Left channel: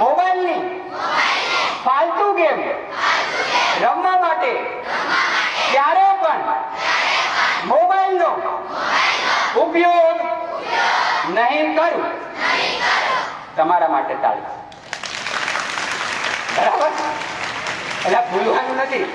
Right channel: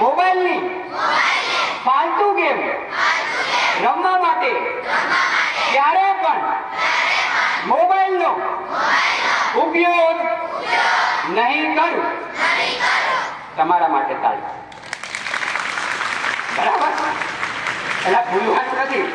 મોબાઈલની ફાલતુ ગેમ રમવા માટે ક્યારે પણ મોબાઈલનો ઉપયોગ નહીં કરું. તમારા માટે તાળી. બરાબર? એટલે ભૂલવાનું નથી.